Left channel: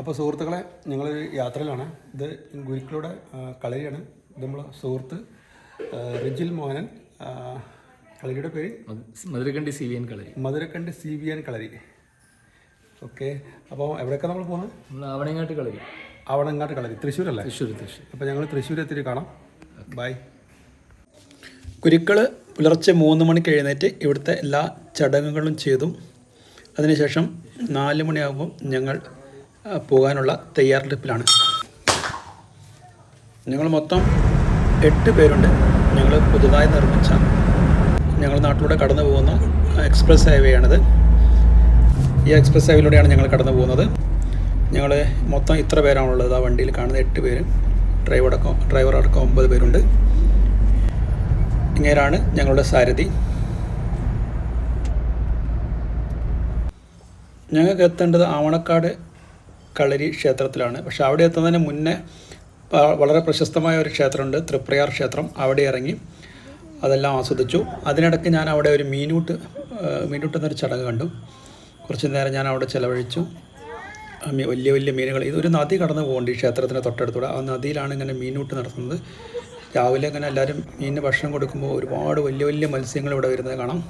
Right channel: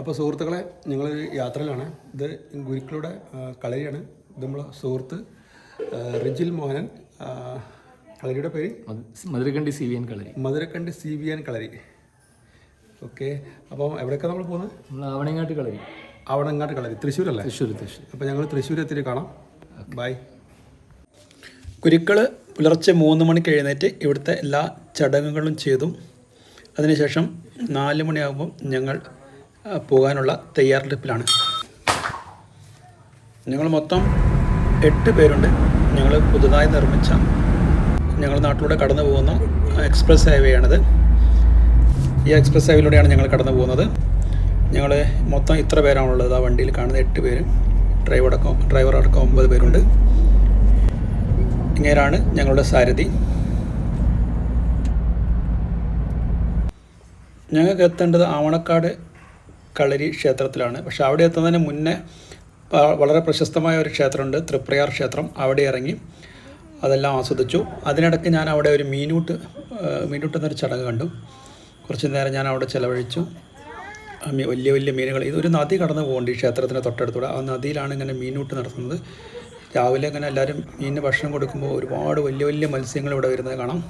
അപ്പോൾ സുഹൃത്തുക്കളെ, ഞങ്ങളൊരു യാത്രയിലാണ്. ഇത് ഗുരുക്കളുടെ കളരിയാണ്. ഇത് നമ്മളെ സുഹൃത്ത് റിജിൽ മോഹനൻ. കളരിയുടെ പേര് മധുരക്കണ്ടി CVN കളരി. മധുരക്കണ്ടി CVN കളരി. ഓക്കെ. അപ്പോൾ എവിടെയൊക്കെ നമ്മൾ പോകുന്നത്? നമ്മൾ ആവണങ്ങാട്ട് കളരി. ആവണങ്ങാട്ട് കളരി, തൃശ്ശൂരല്ലേ? തൃശ്ശൂർ. അപ്പോൾ ഞങ്ങൾ തൃശ്ശൂർ എത്തിയിട്ട് കാണാം. ബൈ. ഗുരുക്കൾ പുലർച്ചെ 3 മണിക്ക് എഴുന്നേറ്റ് ഇവിടുത്തെ എല്ലാ ചടങ്ങുകളും ചെയ്തു. അതിനുശേഷം 4 മണിയാകുമ്പം ഞങ്ങൾ പോകാനുള്ള തയ്യാറെടുപ്പിലാണ്. ഞങ്ങൾ മൊത്തം 8 പേരുണ്ട്. ഞങ്ങൾ പുതുതായി നിർമ്മിച്ച ഞങ്ങളുടെ നാട്ടിലൂടെ കടന്നു പോകുന്ന എക്സ്പ്രസ് ഹൈവേയാണിത്. ഈ എക്സ്പ്രസ് ഹൈവേയിലൂടെയാണ് ഞങ്ങൾ കടന്നു പോകുന്നത്. ഞങ്ങൾ മൊത്തം ഇത്ര പേരാണുള്ളത്. ആ വണ്ടിയിൽ കാണുന്ന 8 പേര്, ഡ്രൈവർ അടക്കം 9 പേരുണ്ട്. ഇങ്ങനെയാണ് ഞങ്ങളുടെ സാരഥി. ഞങ്ങൾക്ക് എത്തേണ്ടത് ആവണക്കാട് കളരി ക്ഷേത്രത്തിലാണ്. പക്ഷെ അവിടെ എത്തുന്നതിന് മുന്നേ വളരെ പ്രശസ്തമായ ഒരു ക്ഷേത്രമുണ്ട്, തൃപ്രയാർ ക്ഷേത്രം. അവിടെ ഇറങ്ങി അതെല്ലാം ആസ്വദിച്ചു. അതിനിടയ്ക്ക് ഞാൻ അവിടെ ഒരു മീനൂട്ട് എന്നൊരു ചടങ്ങ് കണ്ടു. കുറച്ച് നേരം ഞാൻ അവിടെ ചിലവഴിച്ചു. വലിയ വലിയ മീനുകൾ, ഇതൊരു നദി കടന്നു പോകുന്നുണ്ട് ഈ ക്ഷേത്രത്തിന് തൊട്ടടുത്തൂടെ. ആ നദിയിലാണ് ഇങ്ങനെ മീനൂട്ട് നടത്തുന്നത്. രാവിലെ ഇങ്ങനെ എല്ലാവരും മീനിന് ഭക്ഷണം കൊടുക്കുമ്പോൾ ഒരുപാട് വലിയ വലിയ മത്സ്യങ്ങൾ ഇവിടെ വരുന്നത് കാണാം.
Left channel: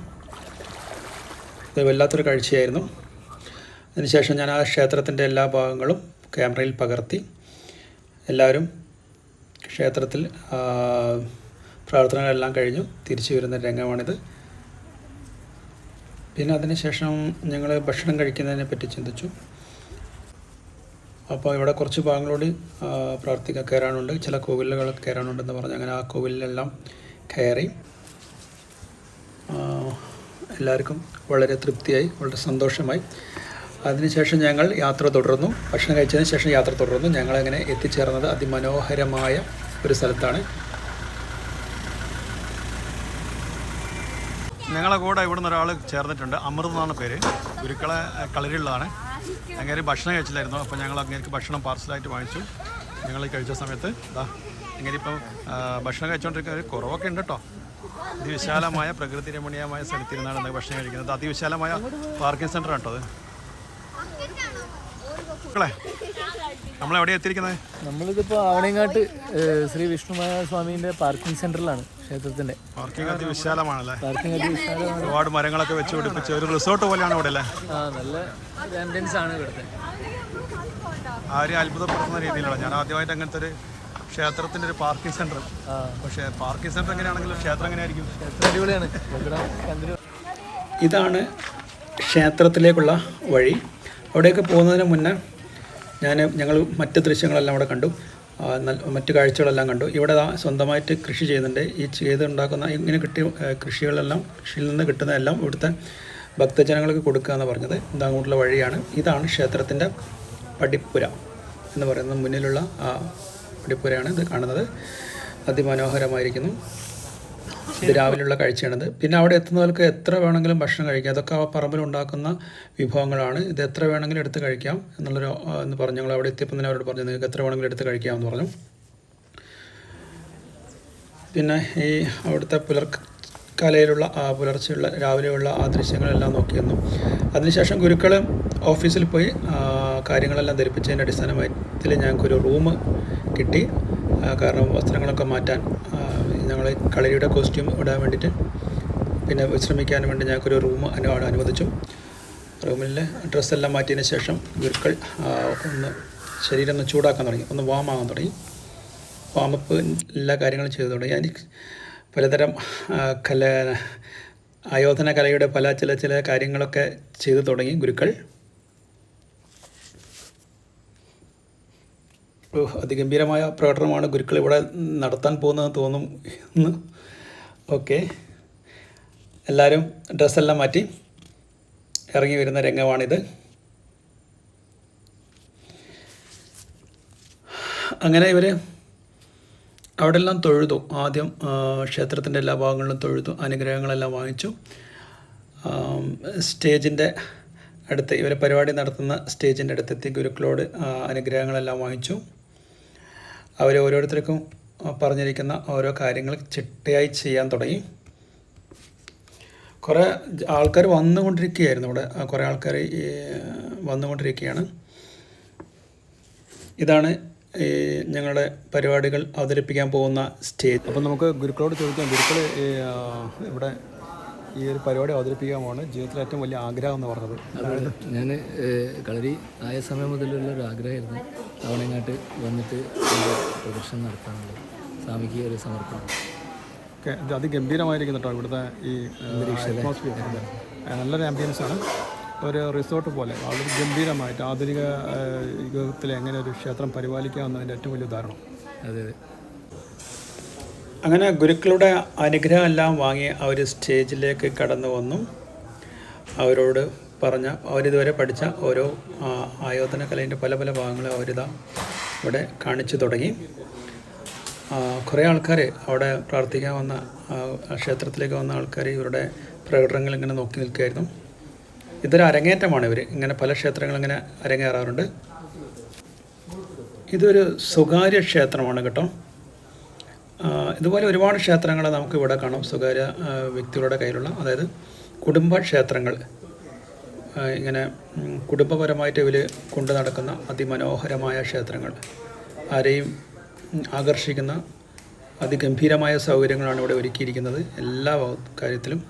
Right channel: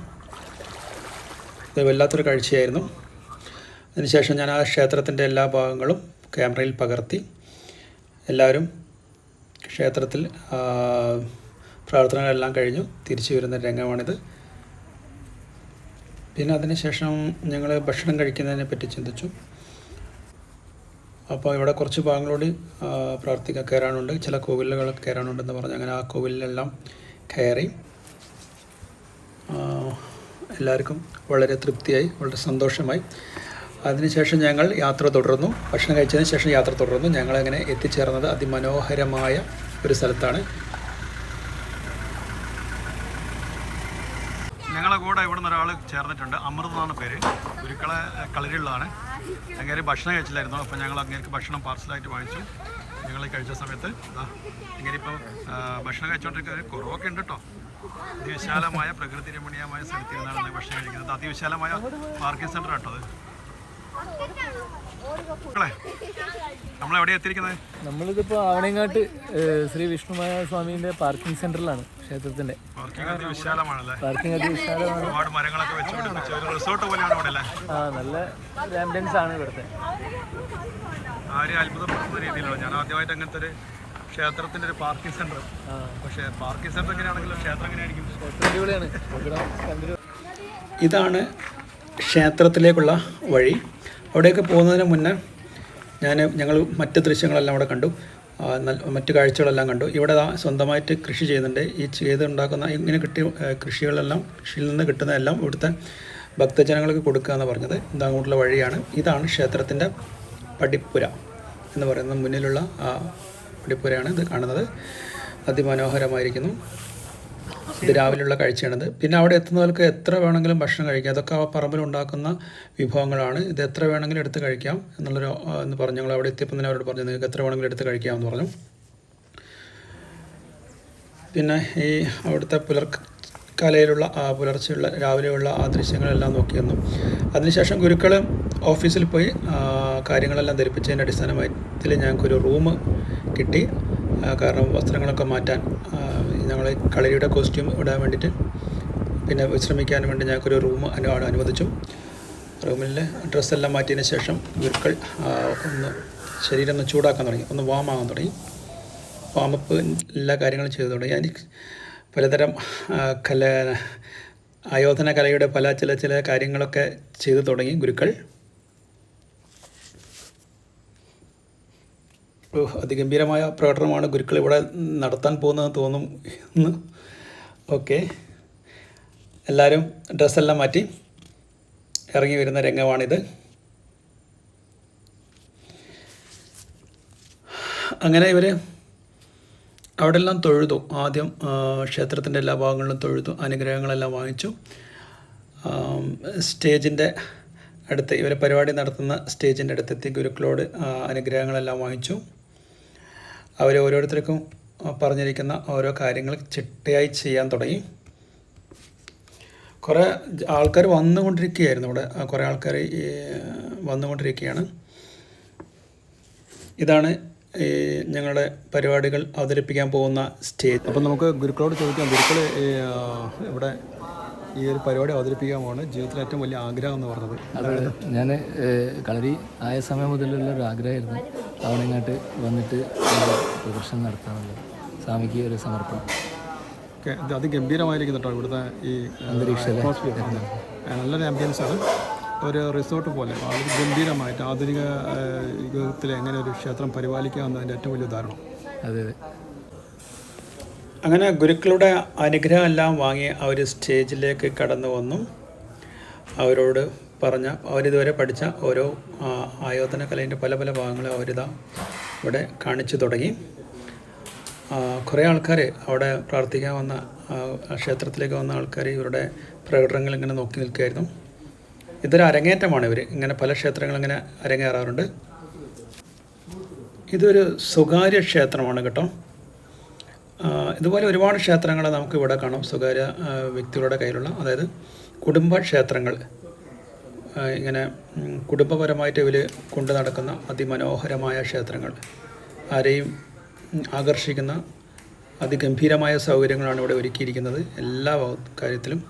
ഇത് വല്ലാത്തൊരു കാഴ്ചയായിരുന്നു. അതിനുശേഷം ഞാൻ ആ ക്ഷേത്രത്തിൻ്റെ എല്ലാ ഭാഗങ്ങളും ക്യാമറയിൽ പകർത്തി. എല്ലാവരും ക്ഷേത്രത്തിൽ പ്രാർത്ഥനകളെല്ലാം കഴിഞ്ഞു തിരിച്ചു വരുന്ന രംഗമാണിത്. പിന്നെ അതിനുശേഷം ഞങ്ങൾ ഭക്ഷണം കഴിക്കുന്നതിനെ പറ്റി ചിന്തിച്ചു. അപ്പോൾ ഇവിടെ കുറച്ച് ഭാഗങ്ങളോട് കയറാനുണ്ട്, ചില കോവിലുകൾ കയറാനുണ്ടെന്ന് പറഞ്ഞ് അങ്ങനെ ആ കോവിലിലെല്ലാം കയറി. എല്ലാവർക്കും വളരെ തൃപ്തിയായി, വളരെ സന്തോഷമായി. അതിനുശേഷം ഞങ്ങൾ യാത്ര തുടർന്നു. ഭക്ഷണം കഴിച്ചതിന് ശേഷം യാത്ര തുടർന്നു. ഞങ്ങളങ്ങനെ എത്തിച്ചേർന്നത് അതിമനോഹരമായ ഒരു സ്ഥലത്താണ്. ഞങ്ങളെ കൂടെ ഇവിടെ നിന്ന് ഒരാൾ ചേർന്നിട്ടുണ്ട്. അമൃത് എന്നാണ് പേര്. ഗുരുക്കളെ കളരിയുള്ളതാണ്. അങ്ങനെ ഭക്ഷണം കഴിച്ചില്ലായിരുന്നു. അപ്പോൾ ഞങ്ങൾ അങ്ങേക്ക് ഭക്ഷണം പാർസലായിട്ട് വാങ്ങിച്ചു. ഞങ്ങൾ കഴിച്ച സമയത്ത് ഇങ്ങനെ ഇപ്പം ഭക്ഷണം കഴിച്ചുകൊണ്ടിരിക്കുന്നത് കുറവൊക്കെ ഉണ്ട് കേട്ടോ. അതിവിശാലമായ പ്രകൃതി രമണീയമായ സ്ഥലത്തിരുന്നാണ് ഭക്ഷണം കഴിക്കുന്നത്. അതിവിശാലമായ പാർക്കിംഗ് സെൻ്റർ കേട്ടോ അത്. നമ്മളെവിടെ എത്തിയിരിക്കുന്നത്? നമ്മളിതിപ്പോൾ ആവണങ്ങാട്ട് ശ്രീ വിഷ്ണുമായ സ്വാമീൻ്റെ പാർക്കിംഗ് സെന്ററിലാണ്. ക്ഷേത്രത്തിന്റെ പാർക്കിംഗ് അതിവിശാലമാണല്ലേ? പാർക്കിംഗ് അതിവിശാലമാണ്. ഒരുപാട് മരങ്ങളൊക്കെ വെച്ച് പിടിപ്പിച്ച് ഒരു റിസോർട്ട് പോലെയാണ് ഇവിടെ അല്ലേ? നല്ല ആംബിയൻസ് ആണ് ഇവിടുത്തെ. ആരെയും അത്ഭുതപ്പെടുത്തുന്ന രീതിയിലാണ്. ഞാൻ ആദ്യമായിട്ട് അങ്ങനത്തെ ഒരു ക്ഷേത്രത്തിൻ്റെ ഒരു പാർക്കിംഗ് സെന്റർ. പക്ഷേ പാർക്കിംഗ് സെന്റർ എങ്ങനെയാണെങ്കിലും ക്ഷേത്രം എങ്ങനെയായിരിക്കും? ഇതാണ് ക്ഷേത്രത്തിലേക്കുള്ള വഴി. അവിടേക്ക് പോകുന്നതിന് മുന്നേ ഞങ്ങൾ മറ്റ് ദൃശ്യങ്ങളെല്ലാം അവിടെ കണ്ടു. മറ്റ് കാഴ്ചകളെല്ലാം കണ്ടു. ഇവിടെ സ്വന്തമായിട്ട് കൃഷി ചെയ്യുന്നുണ്ട്. ഈ ചെയ്തുണ്ടാക്കുന്ന ഇങ്ങനെ കിട്ടിയ കൃഷിയിൽ നിന്ന് കിട്ടുന്നതെല്ലാം ഇവിടുത്തെ ഭക്തജനങ്ങൾക്ക് കൊടുക്കുക എന്ന് പറഞ്ഞത്. ഇതങ്ങോട്ടുള്ള വഴിയാണ്. ഇതാണ് ക്ഷേത്രത്തിൻ്റെ പടിപ്പുര എന്ന് പറയുന്നത്. മുന്നിലുള്ള ആ പടിപ്പുരയാണ് ഇത് കാണുന്നത്. അതിമനോഹരമായിരിക്കുന്നു. ഇത് രാവിലെയുള്ള കാഴ്ചയാണിത്. പിന്നെ അവിടെ എത്തുന്നവർക്ക് എത്ര വേണമെങ്കിലും ഭക്ഷണം കഴിക്കാം. അതൊക്കെ ആ പറമ്പിലുണ്ടാക്കുന്ന വിഭവങ്ങളാണ്. ഇത് എത്ര വേണമെങ്കിലും എടുത്ത് കഴിക്കാം എന്ന് പറഞ്ഞു. ഞങ്ങൾ അവിടെ എത്തിയപ്പോൾ തന്നെ അവരോട് പറഞ്ഞു നിങ്ങൾക്ക് എത്ര വേണമെങ്കിലും എടുത്ത് കഴിക്കാമെന്ന് പറഞ്ഞു. പിന്നെ ഈ അവിടുത്തെ പുലർച്ചെയുള്ള രാവിലെയുള്ള ആ ദൃശ്യങ്ങളെല്ലാം നോക്കിയിരുന്നു. അതിനുശേഷം ഗുരുക്കൾ ഓഫീസിൽ പോയി കാര്യങ്ങളെല്ലാം ധരിപ്പിച്ചതിൻ്റെ അടിസ്ഥാനത്തിൽ ഞങ്ങൾക്കൊരു റൂം കിട്ടി. കാരണം വസ്ത്രങ്ങളൊക്കെ മാറ്റാൻ, ഞങ്ങൾ കളരിയുടെ കോസ്റ്റ്യൂം ഇടാൻ വേണ്ടിയിട്ട് പിന്നെ വിശ്രമിക്കാൻ വേണ്ടി ഞങ്ങൾക്കൊരു റൂം അനുവദിച്ചു. റൂമിൽ ഡ്രസ്സെല്ലാം മാറ്റിയതിന് ശേഷം ഗുരുക്കൾ ശരീരം ഒന്ന് ചൂടാക്കാൻ തുടങ്ങി, ഒന്ന് വാം ആകാൻ തുടങ്ങി. വാമപ്പ് എല്ലാ കാര്യങ്ങളും ചെയ്തു തുടങ്ങി. അതിന് പലതരം ആയോധന കലയുടെ ചില കാര്യങ്ങളൊക്കെ ചെയ്തു തുടങ്ങി ഗുരുക്കൾ. അതിഗംഭീരമായ പ്രകടനമാണ് ഗുരുക്കൾ ഇവിടെ നടത്താൻ പോകുന്നതെന്ന് തോന്നുന്നു. ഓക്കെ, എല്ലാവരും ഡ്രസ്സെല്ലാം മാറ്റി ഇറങ്ങി വരുന്ന രംഗമാണിത്. അങ്ങനെ ഇവർ അവിടെ എല്ലാം തൊഴുതു. ആദ്യം ക്ഷേത്രത്തിൻ്റെ എല്ലാ ഭാഗങ്ങളിലും തൊഴുതു, അനുഗ്രഹങ്ങളെല്ലാം വാങ്ങിച്ചു. സ്റ്റേജിൻ്റെ അടുത്ത് ഇവരെ പരിപാടി നടത്തുന്ന സ്റ്റേജിൻ്റെ അടുത്തെത്തി ഗുരുക്കളോട് അനുഗ്രഹങ്ങളെല്ലാം വാങ്ങിച്ചു. അവർ ഓരോരുത്തർക്കും പറഞ്ഞിരിക്കുന്ന ഓരോ കാര്യങ്ങൾ ചിട്ടയായി ചെയ്യാൻ തുടങ്ങി. കുറേ ആൾക്കാർ വന്നുകൊണ്ടിരിക്കുകയായിരുന്നു. ഇവിടെ കുറേ ആൾക്കാർ വന്നുകൊണ്ടിരിക്കുകയാണ്. ഇതാണ് ഞങ്ങളുടെ പരിപാടികൾ അവതരിപ്പിക്കാൻ പോകുന്ന സ്റ്റേജ്. അപ്പം നമുക്ക് ഗുരുക്കളോട് ചോദിക്കാം. ഗുരുക്കൾ ഇവിടെ ഈ ഒരു പരിപാടി അവതരിപ്പിക്കാൻ പോവാണ്. ജീവിതത്തിലെ ഏറ്റവും വലിയ ആഗ്രഹം എന്ന് പറഞ്ഞത് അതായത് ഞാൻ കളരി ആയ സമയം മുതലുള്ള ഒരു ആഗ്രഹമായിരുന്നു തവണങ്ങാട്ട് വന്നിട്ട് പ്രദർശനം നടത്താനുള്ളത്. സ്വാമിക്ക് ഒരു സമർപ്പണം. ഓക്കെ, ഇത് അതിഗംഭീരമായിരിക്കും കേട്ടോ ഇവിടുത്തെ ഈ അറ്റ്മോസ്ഫിയർ. അതെ, നല്ലൊരു ആംബിയൻസ് ആണ്. ഒരു റിസോർട്ട് പോലെ വളരെ ഗംഭീരമായിട്ട് ആധുനിക യുഗത്തിൽ എങ്ങനെ ഒരു ക്ഷേത്രം പരിപാലിക്കുക എന്നതിൻ്റെ ഏറ്റവും വലിയ ഉദാഹരണം. അതെ അതെ. അങ്ങനെ ഗുരുക്കളുടെ അനുഗ്രഹം എല്ലാം വാങ്ങി അവർ സ്റ്റേജിലേക്ക് കടന്നു വന്നു. അവരോട് പറഞ്ഞ അവരിതുവരെ പഠിച്ച ഓരോ ആയോധന കലേൻ്റെ പല പല ഭാഗങ്ങളും അവരിതാ ഇവിടെ കാണിച്ചു തുടങ്ങി. കുറേ ആൾക്കാർ അവിടെ പ്രാർത്ഥിക്കാൻ വന്ന ക്ഷേത്രത്തിലേക്ക് വന്ന ആൾക്കാർ ഇവരുടെ പ്രകടനങ്ങൾ ഇങ്ങനെ നോക്കി നിൽക്കുകയായിരുന്നു. ഇതൊരു അരങ്ങേറ്റമാണ്. ഇവർ ഇങ്ങനെ പല ക്ഷേത്രങ്ങളിങ്ങനെ അരങ്ങേറാറുണ്ട്. ഇതൊരു സ്വകാര്യ ക്ഷേത്രമാണ് കേട്ടോ. ഇതുപോലെ ഒരുപാട് ക്ഷേത്രങ്ങൾ നമുക്ക് ഇവിടെ കാണാം. സ്വകാര്യ വ്യക്തികളുടെ കയ്യിലുള്ള, അതായത് കുടുംബ ക്ഷേത്രങ്ങൾ. ഇങ്ങനെ കുടുംബപരമായിട്ട് ഇവർ കൊണ്ടു നടക്കുന്ന അതിമനോഹരമായ ക്ഷേത്രങ്ങൾ. ആരെയും ആകർഷിക്കുന്ന അതിഗംഭീരമായ സൗകര്യങ്ങളാണ് ഇവിടെ ഒരുക്കിയിരിക്കുന്നത് എല്ലാ കാര്യത്തിലും.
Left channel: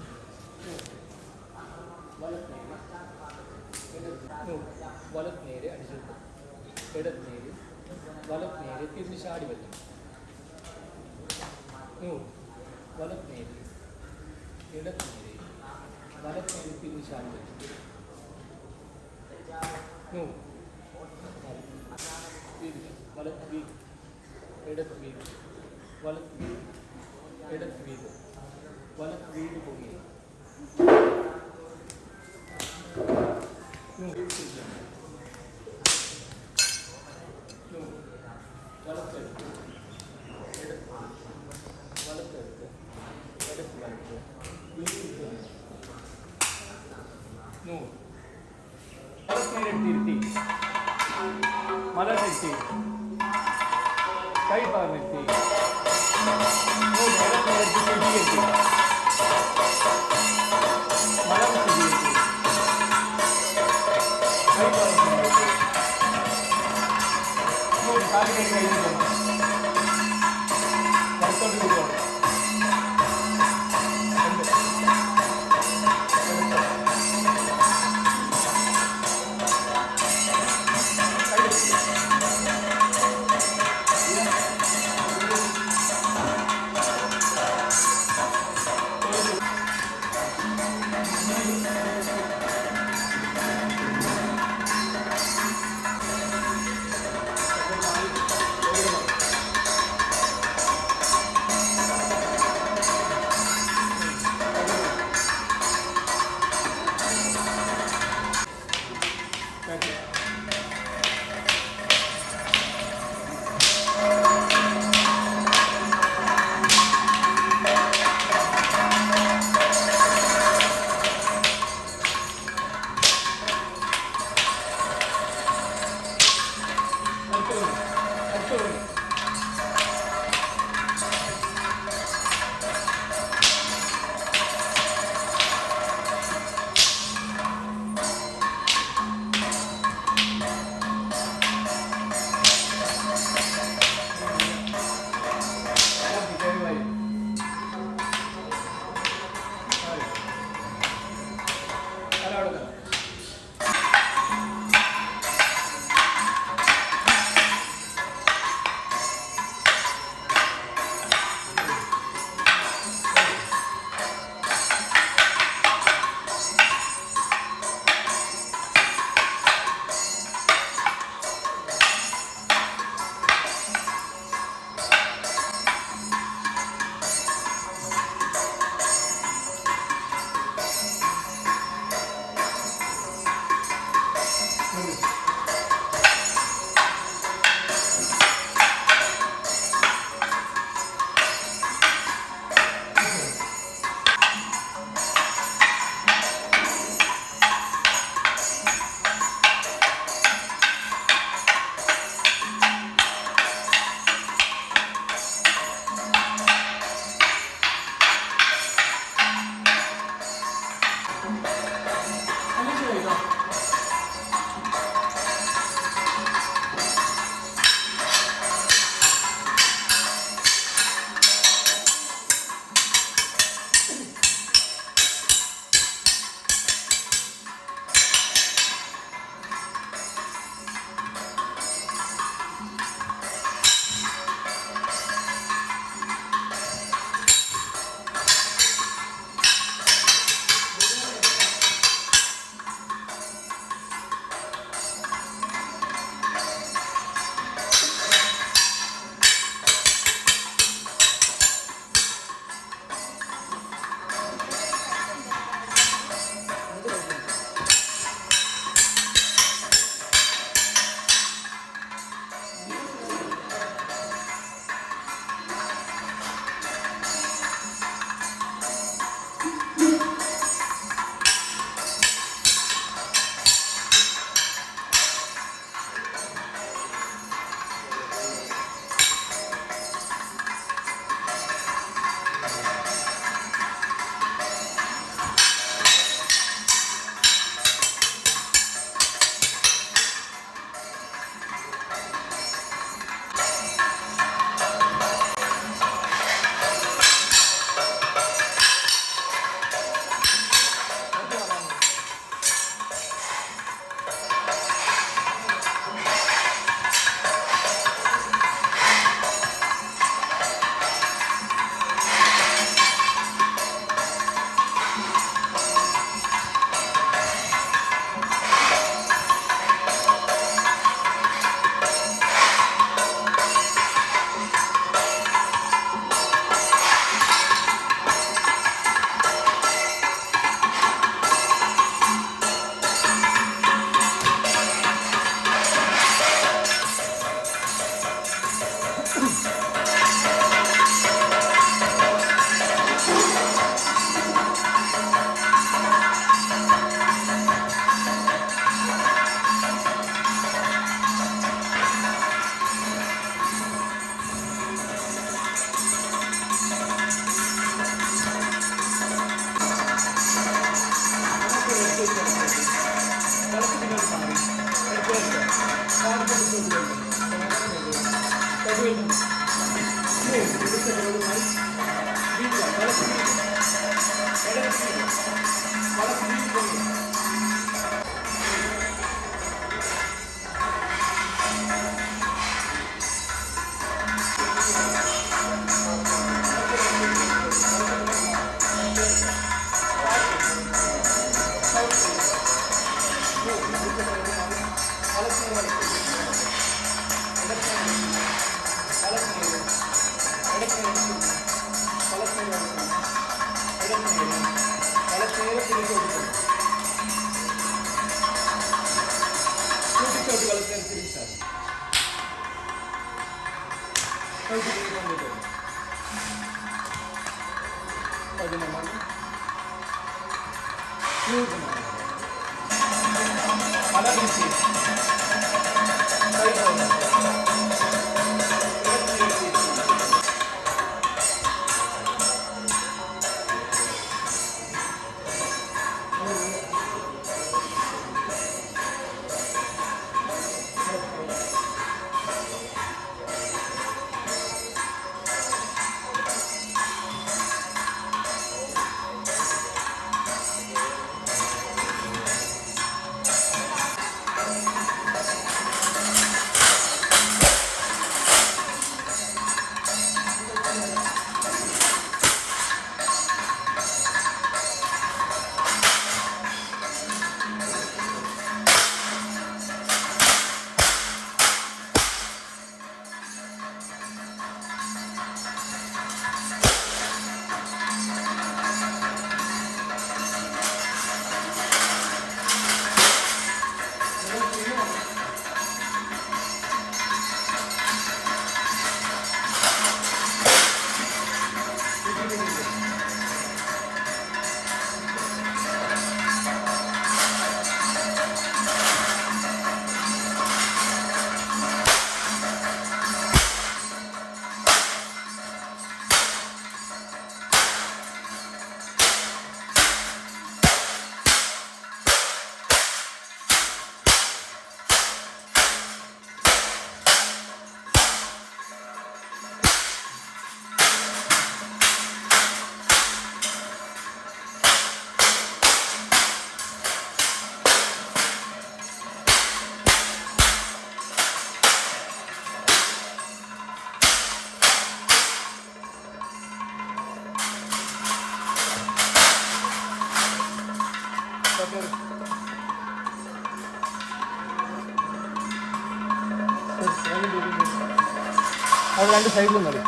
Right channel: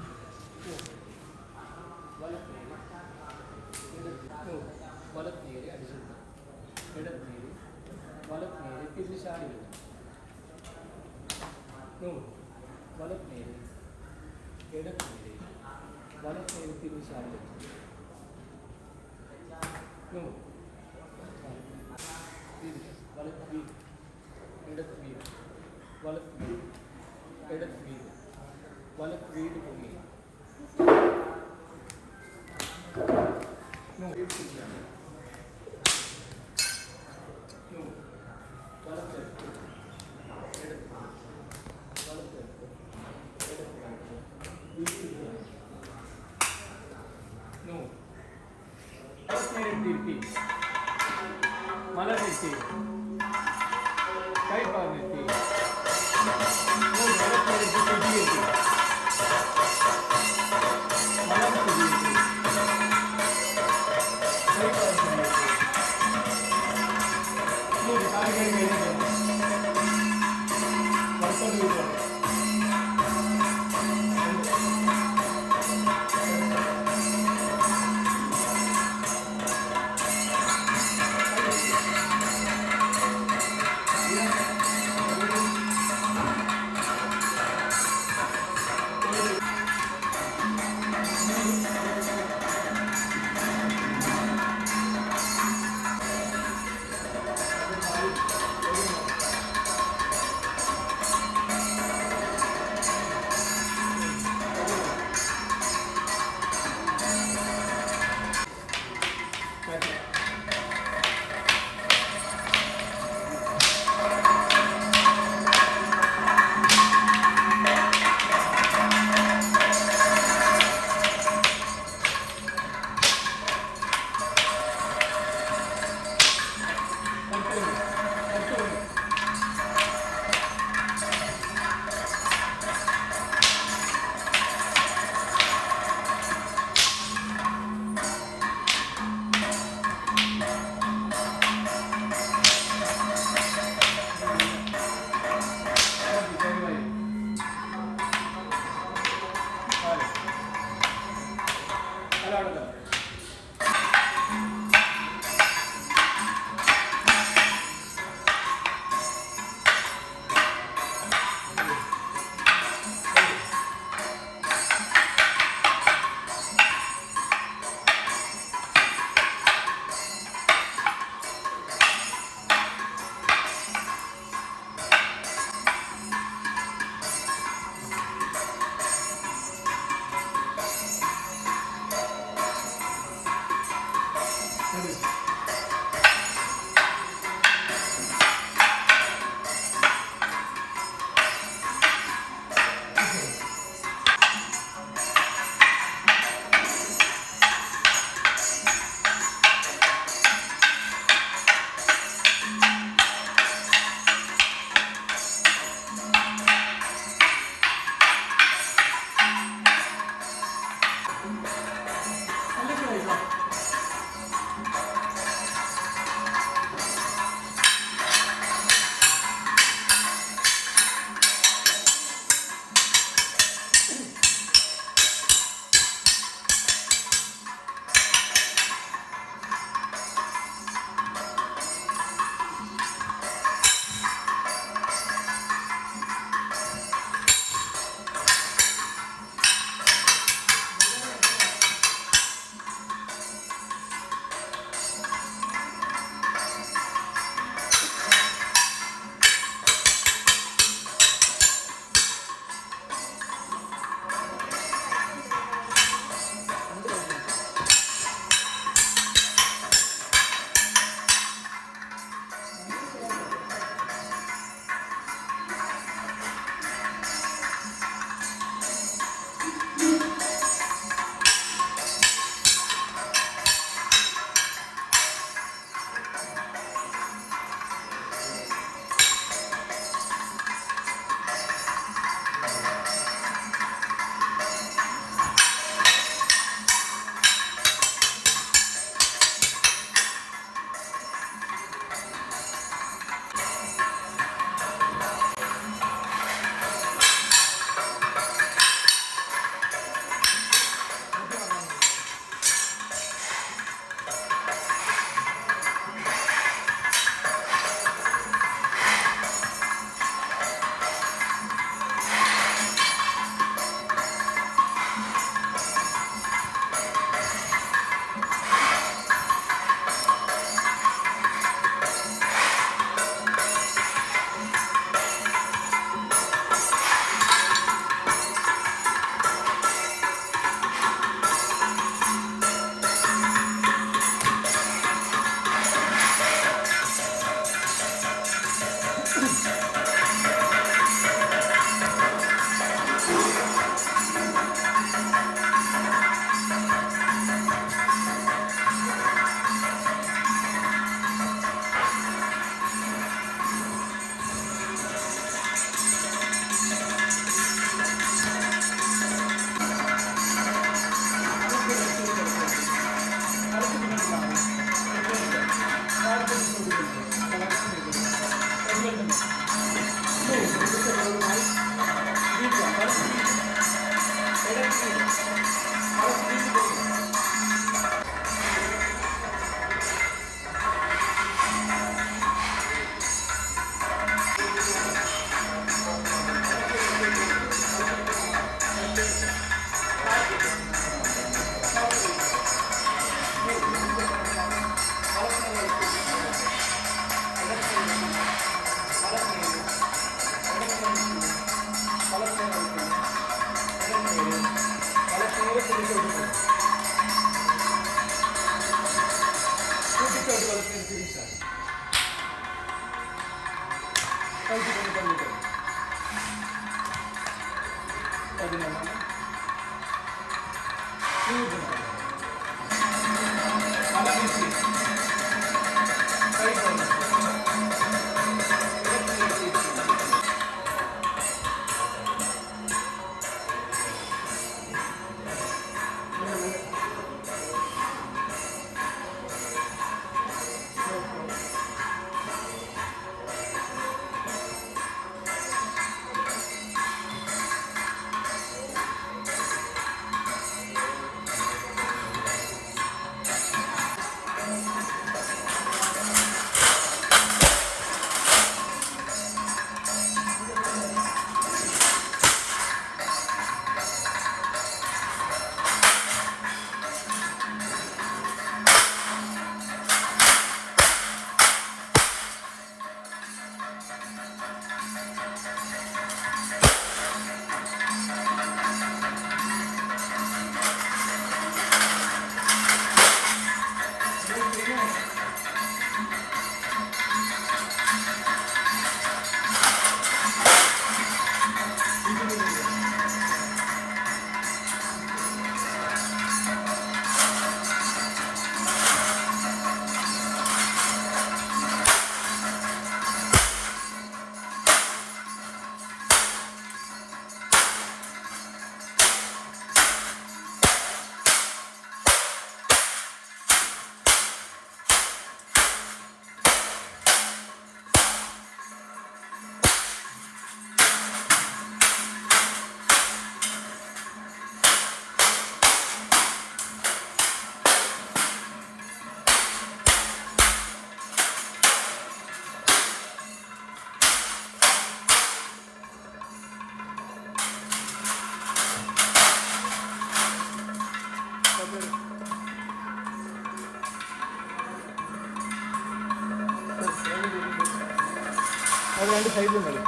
അത് രണ്ട് സൈഡിലും മതി.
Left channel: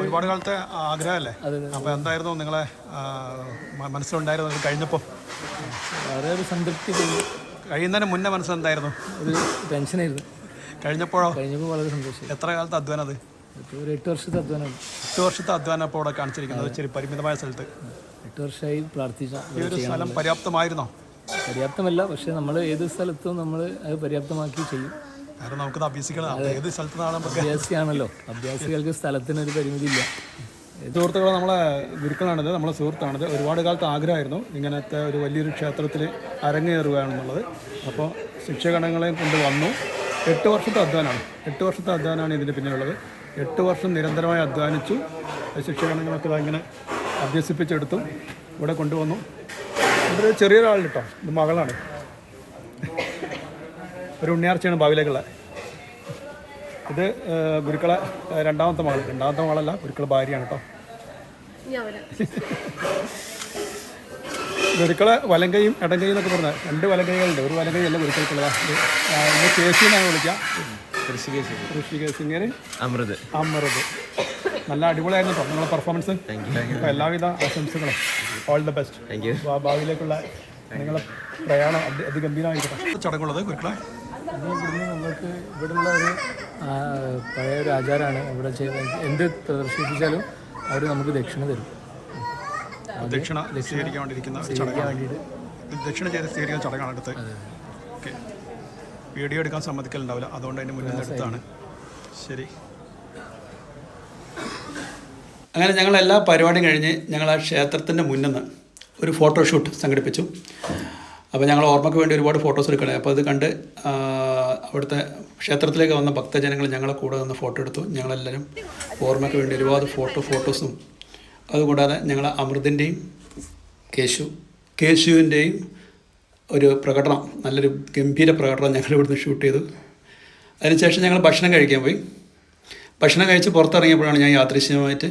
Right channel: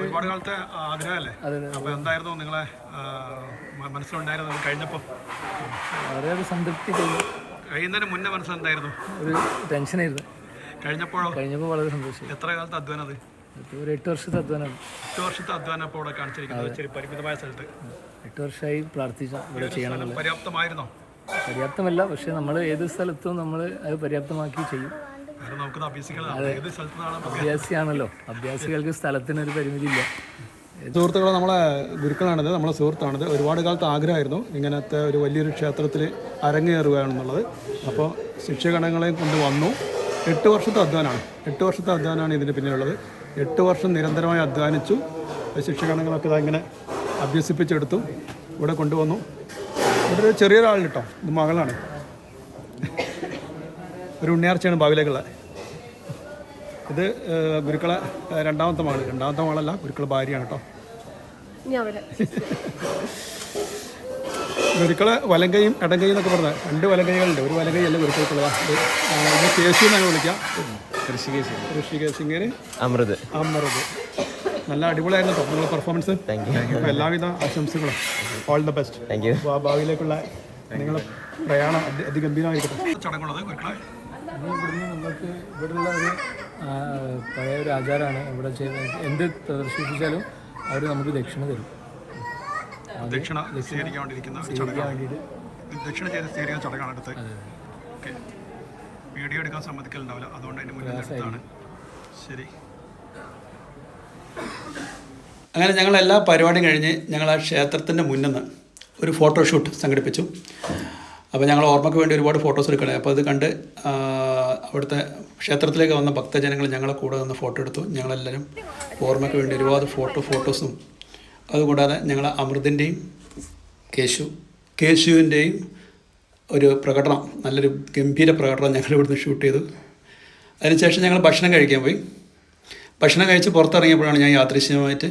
ഒരുപാട് കാലത്തെ ആഗ്രഹമല്ലേ? അപ്പൊ എന്തായിരുന്നു നിങ്ങളെ മനസ്സിലുണ്ടായിരുന്നു കഴിഞ്ഞപ്പോൾ? വളരെ ഒരു സംതൃപ്തി തോന്നി. കഴിയുന്നതിന് മുന്നേ മനസ്സിലെന്തായിരുന്നു? ഒരു ടെൻഷനായിരുന്നു. കഴിഞ്ഞപ്പോൾ വളരെ സന്തോഷം. എത്ര കാലത്തെ അധ്വാനം അത്? ഒരു 8 വർഷത്തെ അധ്വാനം. 8 വർഷത്തെ അധ്വാനം ഇപ്പോൾ ഇവിടെ കാണിച്ചിരിക്കുന്നത് ഇച്ചിരി പരിമിതമായ സ്ഥലത്ത്. 8 വർഷമായി പ്രാർത്ഥിച്ച പര്യാപ്തമായിരുന്നോ? പര്യാപ്തമല്ല, പക്ഷെ നമ്മൾ ഏത് സ്ഥലത്തും നമ്മൾ അത് പര്യാപ്തമാക്കി ചെയ്യും. കാരണം നമുക്കത് അഭ്യസിക്കണം. ഏത് സ്ഥലത്തുനിന്നാണ് അഭ്യാസിയാണല്ലോ. അഭ്യാസികൾക്ക് സ്ഥലത്തിനൊരു പരിമിതിയില്ല. സുഹൃത്തുക്കളെ, നമ്മളെ ഗുരുക്കളാണിത്, നമ്മളെ സുഹൃത്താണിത്. ഒരുപാട് കാലത്ത് ആഗ്രഹമായിരുന്നു ഇങ്ങനത്തെ ഒരു വലിയൊരു ക്ഷേത്രത്തിൽ അരങ്ങേറുകയാണെന്നുള്ളത്. അപ്പോൾ ശിക്ഷകണങ്ങളെയും കൊണ്ട് വന്നു. 8 വർഷത്തെ അധ്വാനമാണ്. 8 വർഷത്തെ അധ്വാനമാണ് ഇതിന് പിന്നിലുള്ളത്. 8 വർഷം നിരന്തരമായി അധ്വാനിച്ചു. ശിക്ഷകണങ്ങളൊക്കെ ഇങ്ങനെ അഭ്യസിപ്പിച്ചെടുത്തു, ഇവിടെ കൊണ്ടുവന്നു. ഇവിടെ ഒരു ചെറിയൊരാളുണ്ട് കേട്ടോ, ഇത് മകളാണ്. ഒരു ഉണ്ണിയാർച്ചയാണ് ഭാവിയിലേക്കുള്ള. ഇത് ഗുരുക്കളെ രണ്ടാമത്തെ മകളല്ല, ഗുരുക്കളെ ഭാര്യയാണ് കേട്ടോ. ഗുരുക്കളെ വലങ്കയും ഇടങ്കയും എന്നൊക്കെ പറഞ്ഞാൽ 2 വലങ്കൈകളുണ്ട്. ഒരു വലങ്കൈ അല്ല ഗുരുക്കൾക്കുള്ളതാ. ഇത് കേശു എന്നാണ് വിളിക്കാം. ഋഷികേശ് ഇങ്ങനെ അമൃത്. നല്ല അടിപൊളിയായിരുന്നു കേട്ടോ നിങ്ങളുടെ പെർഫോമൻസ്. അപ്പോൾ എല്ലാവിധ ആശംസകളും. All the best. ഭാവിയിലേക്കുള്ള നിങ്ങളുടെ പ്രയാണം അതിഗംഭീരമായിരിക്കട്ടെ. ചടങ്ങുള്ളത് ഗുരുക്കളെ ഇവിടുന്ന് നമുക്ക് ഇവിടെയുള്ള ഒരു പഴയ ഒരു ആചാരമാണ്. ഇവിടെ എന്ത് പ്രദർശിപ്പിച്ചാലും അവർ നമുക്ക് ദക്ഷിണ തരും. ദക്ഷിണ സ്വീകരിക്കാൻ വേണ്ടിയിരിക്കുന്ന ചടങ്ങാണ്. ദക്ഷിണ ചെയ്ത് സ്വീകരിക്കുന്ന ചടങ്ങാണ് അടുത്ത്. ഓക്കെ. വീഡിയോ എടുക്കാൻ സമ്മതിക്കലുണ്ടാവില്ല, അതുകൊണ്ട് അതിൻ്റെ മുന്നിൽ എടുത്താണ്. ശരി. അങ്ങനെ ഞങ്ങൾ എല്ലാ പരിപാടിയും കഴിഞ്ഞ് ഞങ്ങൾ ആ ക്ഷേത്രത്തിൻ്റെ മുന്നിൽ നിന്ന് ഒരു ഫോട്ടോഷൂട്ട് സംഘടിപ്പിച്ചു. അപ്പോൾ ഞങ്ങൾ ഓർമ്മയ്ക്ക് വേണ്ടി ഒരുപാട് ഫോട്ടോസ് എടുക്കണേ. അപ്പോൾ അത് കണ്ട് അവിടുത്തെ ക്ഷേത്രത്തിലേക്ക് വന്ന ഭക്തജനങ്ങൾ ഞങ്ങളെ കൂടെ നിന്ന് ഫോട്ടോ എടുത്തു. ഞങ്ങളെല്ലാവരും ഓർമ്മയ്ക്ക് വേണ്ടി ഒരുപാട് ഫോട്ടോസും അതുകൂടാതെ ഞങ്ങൾ അമൃതിൻ്റെയും കേശുവിൻ്റെയും ഒരു പ്രകടനം, നല്ലൊരു ഗംഭീര പ്രകടനം ഞങ്ങൾ ഇവിടുന്ന് ഷൂട്ട് ചെയ്തു. അതിനുശേഷം ഞങ്ങൾ ഭക്ഷണം കഴിക്കാൻ പോയി. ഭക്ഷണം കഴിച്ച് പുറത്തിറങ്ങിയപ്പോഴാണ് ഞാൻ യാദൃശ്ചികമായിട്ട്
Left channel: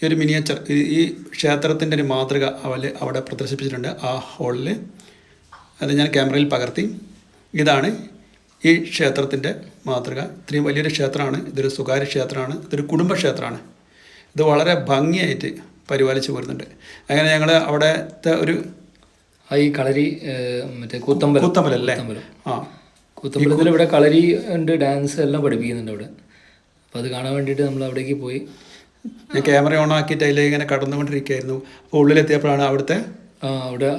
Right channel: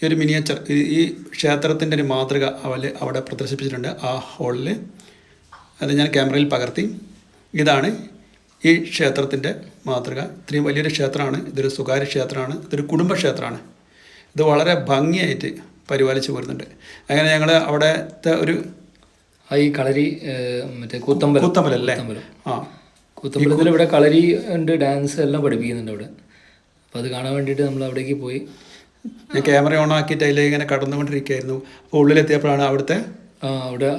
ഈ ഒരു മിനിയേച്ചർ, ഈ ക്ഷേത്രത്തിൻ്റെ ഒരു മാതൃക അവിടെ പ്രദർശിപ്പിച്ചിട്ടുണ്ട് ആ ഹാളിൽ. അത് ഞാൻ ക്യാമറയിൽ പകർത്തി. ഇതാണ് ഈ ക്ഷേത്രത്തിൻ്റെ മാതൃക. ഇത്രയും വലിയൊരു ക്ഷേത്രമാണ്. ഇതൊരു സ്വകാര്യ ക്ഷേത്രമാണ്, ഇതൊരു കുടുംബക്ഷേത്രമാണ്. ഇത് വളരെ ഭംഗിയായിട്ട് പരിപാലിച്ച് പോരുന്നുണ്ട്. അങ്ങനെ ഞങ്ങൾ അവിടുത്തെ ഒരു ഈ കളരി മറ്റേ കൂത്തമ്പലല്ലേ? കൂത്തമ്പലത്തിൽ ഇവിടെ കളരി ഉണ്ട്, ഡാൻസ് എല്ലാം പഠിപ്പിക്കുന്നുണ്ട് അവിടെ. അപ്പോൾ അത് കാണാൻ വേണ്ടിയിട്ട് നമ്മൾ അവിടേക്ക് പോയി. ഞാൻ ക്യാമറ ഓൺ ആക്കിയിട്ട് അതിലേക്ക് ഇങ്ങനെ കടന്നുകൊണ്ടിരിക്കുകയായിരുന്നു. അപ്പോൾ ഉള്ളിലെത്തിയപ്പോഴാണ് അവിടെ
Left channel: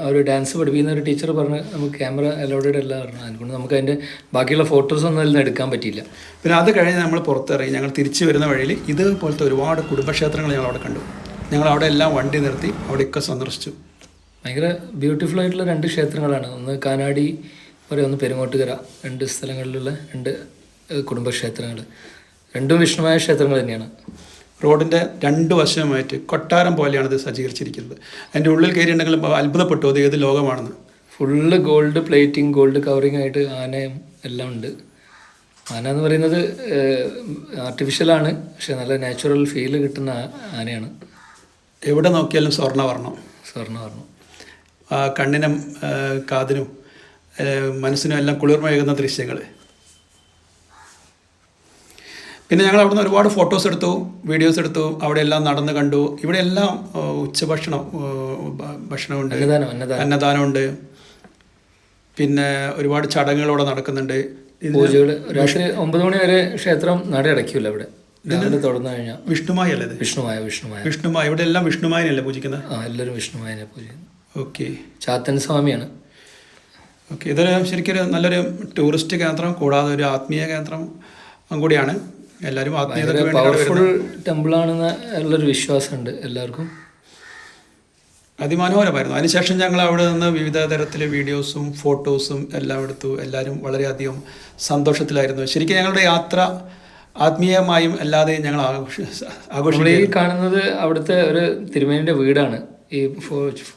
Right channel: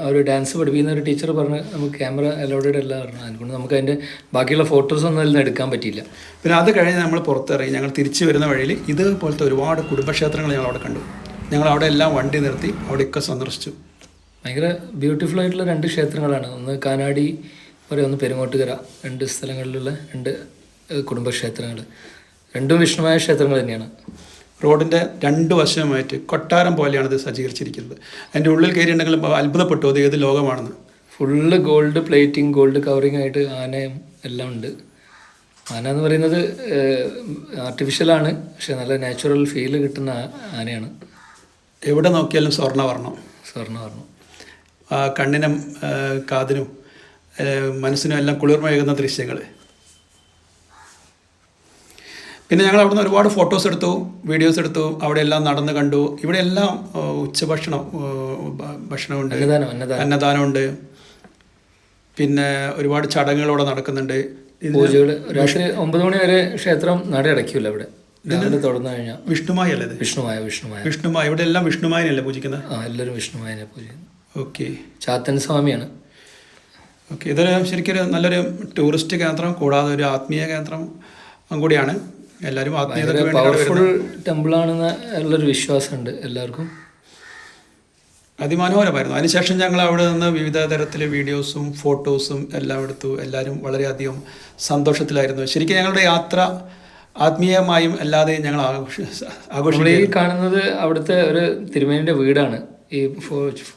ഒരു ഡാൻസ് പഠിപ്പിക്കുന്ന ഒരു ടീച്ചർ പറഞ്ഞ് നമുക്ക് ക്യാമറ അലൗഡഡ് അല്ല പറഞ്ഞു. അതുകൊണ്ട് നമുക്ക് അതിൻ്റെ ബാക്കിയുള്ള ഫോട്ടോസൊന്നും അതിൽ നിന്ന് എടുക്കാൻ പറ്റിയില്ല. പിന്നെ അത് കഴിഞ്ഞ് നമ്മൾ പുറത്തിറങ്ങി ഞങ്ങൾ തിരിച്ചു വരുന്ന വഴിയിൽ ഇതുപോലത്തെ ഒരുപാട് കുടുംബക്ഷേത്രങ്ങൾ ഞങ്ങൾ അവിടെ കണ്ടു. ഞങ്ങൾ അവിടെ എല്ലാം വണ്ടി നിർത്തി അവിടെയൊക്കെ സന്ദർശിച്ചു. ഭയങ്കര ബ്യൂട്ടിഫുൾ ആയിട്ടുള്ള 2 ക്ഷേത്രങ്ങളാണ്. ഒന്ന് കാനാടി പറയുക, ഒന്ന് പെരുങ്ങോട്ടുകര. 2 സ്ഥലങ്ങളിലുള്ള 2 കുടുംബക്ഷേത്രങ്ങൾ. 2 വിഷ്ണുമായ ക്ഷേത്രങ്ങൾ തന്നെയാണ്. റോഡിൻ്റെ 2 വശമായിട്ട് കൊട്ടാരം പോലെയാണ് ഇത് സജ്ജീകരിച്ചിരിക്കുന്നത്. അതിൻ്റെ ഉള്ളിൽ കയറിയിട്ടുണ്ടെങ്കിൽ അത്ഭുതപ്പെട്ടു അത് ഏത് ലോകമാണെന്ന്. Full gold plating, gold covering ആയിട്ട് ആനയും എല്ലാം ഉണ്ട്. ആന എന്ന് പറയുന്നത് ആർട്ടിഫിഷ്യലാണ്, പക്ഷെ നല്ല നാച്ചുറൽ ഫീല് കിട്ടുന്ന ആനയാണ്. എവിടെ നോക്കിയാലും സ്വർണ്ണവർണ്ണം. കണ്ണിനും കാതിനും മനസ്സിനും എല്ലാം കുളിർമയേകുന്ന ദൃശ്യങ്ങൾ. പിന്നെ ഞങ്ങൾ അവിടുന്ന് ഒരുപാട് ഫോട്ടോസ് എടുത്തു, വീഡിയോസ് എടുത്തു. അവിടെ എല്ലാം നടന്ന് കണ്ടു. ഇവിടെ എല്ലാം ഭക്ഷണമുണ്ട്, അന്നദാനമുണ്ട്. പിന്നെ ഒരുപാട് ചടങ്ങുകളോടെ നടക്കുന്നുണ്ട്. പൂജകൾ രാത്രി 9 മണി വരെ ക്ഷേത്രം നട അടയ്ക്കില്ല ഇവിടെ. തുറന്നു കഴിഞ്ഞാൽ വിഷ്ണുമായി അല്ലേ? വിഷ്ണുമായി. ഇവിടെ എല്ലാം വിഷ്ണുമായനല്ലേ പൂജിക്കുന്നത്? എല്ലാവരും വിഷ്ണുമായനെ പൂജിക്കുന്നത്. ഓക്കെ. ചാത്തൻ സ്വാമിയാണ്. ഓക്കെ. ഇതൊരു ശരിക്കൊരു നല്ലൊരു ടൂറിസ്റ്റ് കേന്ദ്രം കൂടാതെ ഒരു ആത്മീയ കേന്ദ്രം കൂടിയാണ്. എല്ലാവരും പവർഫുൾ ടെമ്പിളാണെന്ന് ഉള്ളൊരു വിശ്വാസമുണ്ട് എല്ലാവർക്കും. അതിമനോഹരമായിരുന്നു. അതിനുശേഷം ഞങ്ങൾ അവിടെ നിന്ന് വിവിധ തരത്തിലെ വീഡിയോസും ഫോട്ടോസും എല്ലാം എടുത്തു. എല്ലാവരും വളരെയധികം സന്തോഷത്തിലായിരുന്നു. ശരിക്കും ഞങ്ങളുടെ യാത്ര ആത്മീയമായും അല്ലാതെയും ഞങ്ങൾ ആഘോഷിക്കും. ഈ കാണുന്നത് അവിടുത്തെ ഒരു തിരുമേനിയുടെ വീടാണ് ഈ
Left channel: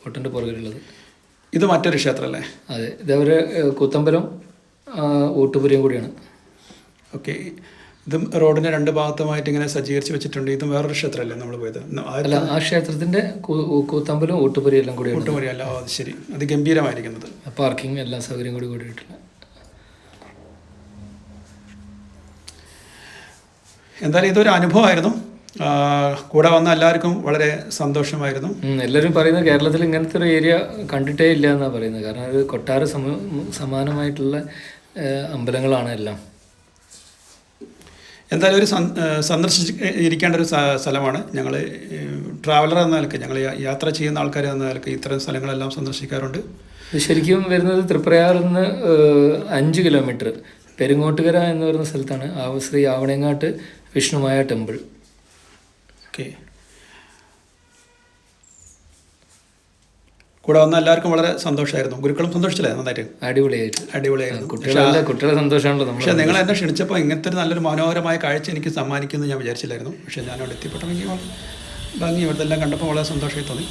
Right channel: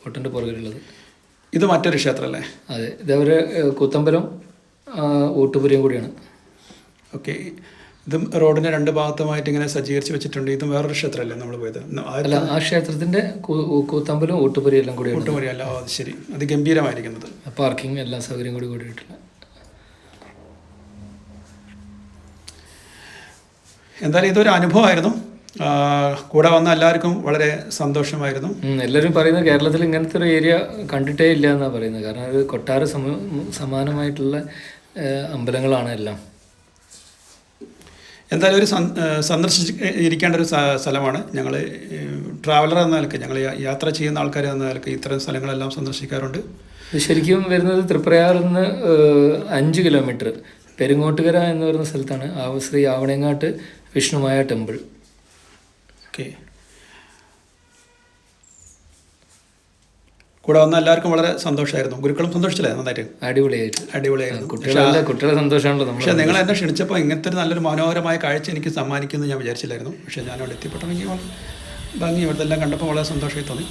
ഫോട്ടോൻ്റെ പുറകിലുള്ളത്. ഇത് മറ്റൊരു ക്ഷേത്രമല്ലേ? അതെ, ഇതവര് കൂത്തമ്പലം ഊട്ടുപുരയും കൂടിയാണ്. ഓക്കെ. ഇതും റോഡിൻ്റെ 2 ഭാഗത്തുമായിട്ട് ഇങ്ങനെ സജ്ജീകരിച്ച് വെച്ചിട്ടുണ്ട്. ഇതും വേറൊരു ക്ഷേത്രമല്ലേ നമ്മൾ പോയത്? അല്ല, ആ ക്ഷേത്രത്തിൻ്റെ കൂത്തമ്പലം ഊട്ടുപുരയും എല്ലാം കൂടി. ഊട്ടുപുരയല്ല, അത് ശരി. അത് ഗംഭീരമായിരിക്കുന്നത്. പാർക്കിംഗ് എല്ലാ സൗകര്യം കൂടിയിട്ടില്ല. എന്തായാലും ഇതൊരു അനുഭവമായിരുന്നു. കൂടെ വന്ന എല്ലാവർക്കും വളരെ സന്തോഷമായിരുന്നു. എല്ലാവരും പറയുന്നത് കേരളത്തിൽ ഇങ്ങനത്തെ ഒരു ഏരിയ കണ്ടിട്ടേ ഇല്ല എന്നാണ് പറയുന്നത്. കാരണം അത് കൊട്ടാര സമാനമായിട്ടുള്ള അമ്പലങ്ങളാണ് എല്ലാം. എന്തായാലും ഒരു സന്ദർശിച്ചിരിക്കേണ്ട ഒരു സ്ഥലമാണ്. ഞങ്ങൾ ട്രാവലർ എന്ന നിലയ്ക്ക്, ഞങ്ങൾ യാത്ര ചെയ്യുന്ന ആൾക്കാർ എന്ന നിലയ്ക്ക് ഇത്തരം സ്ഥലങ്ങളെല്ലാം സന്ദർശിക്കാറുണ്ട്. ശരിക്കും വരുന്നത് തൃപ്രയാറിൽ നിന്ന് 5 കിലോമീറ്റർ പെരുങ്ങോട്ടുകര എന്ന് പറയുന്ന സ്ഥലത്താണ് ശ്രീ ആവണേങ്ങാട്ട് വിഷ്ണുമായ ടെമ്പിൾ. ഓക്കെ. കൂടെ വന്ന എല്ലാവർക്കും വളരെ സന്തോഷമായിരുന്നു. ഗുരുക്കളും സന്തോഷിച്ചില്ലേ? നന്നായിട്ട് അടിപൊളിയായിരുന്നു. കുട്ടികളെ സന്തോഷമാണല്ലോ. പക്ഷേ നിങ്ങൾ എന്നെ ക്ഷണിച്ചപ്പോൾ ഇങ്ങനത്തെ ഒരു നല്ലൊരു മനോഹരമായ കാഴ്ച എനിക്ക് സമ്മാനിക്കുമെന്ന് ഞാൻ വിചാരിച്ചില്ലായിരുന്നു. പക്ഷേ ഞാൻ അവിടെ എത്തിപ്പെട്ടെങ്കിൽ ഭംഗി ഇവിടുത്തെ എല്ലാം കണ്ടപ്പോൾ വളരെ സന്തോഷമായി തോന്നി.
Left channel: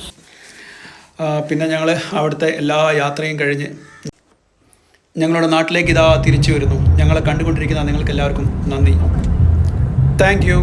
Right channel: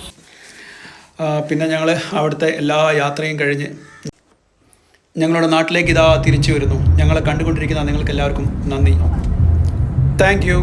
പിന്നെ ഞങ്ങൾ അവിടുത്തെ എല്ലാ യാത്രയും കഴിഞ്ഞ് ഞങ്ങളുടെ നാട്ടിലേക്ക് തിരിച്ചു വരുന്നു. ഞങ്ങളെ കണ്ടുകൊണ്ടിരിക്കുന്ന നിങ്ങൾക്ക് എല്ലാവർക്കും നന്ദി. Thank you.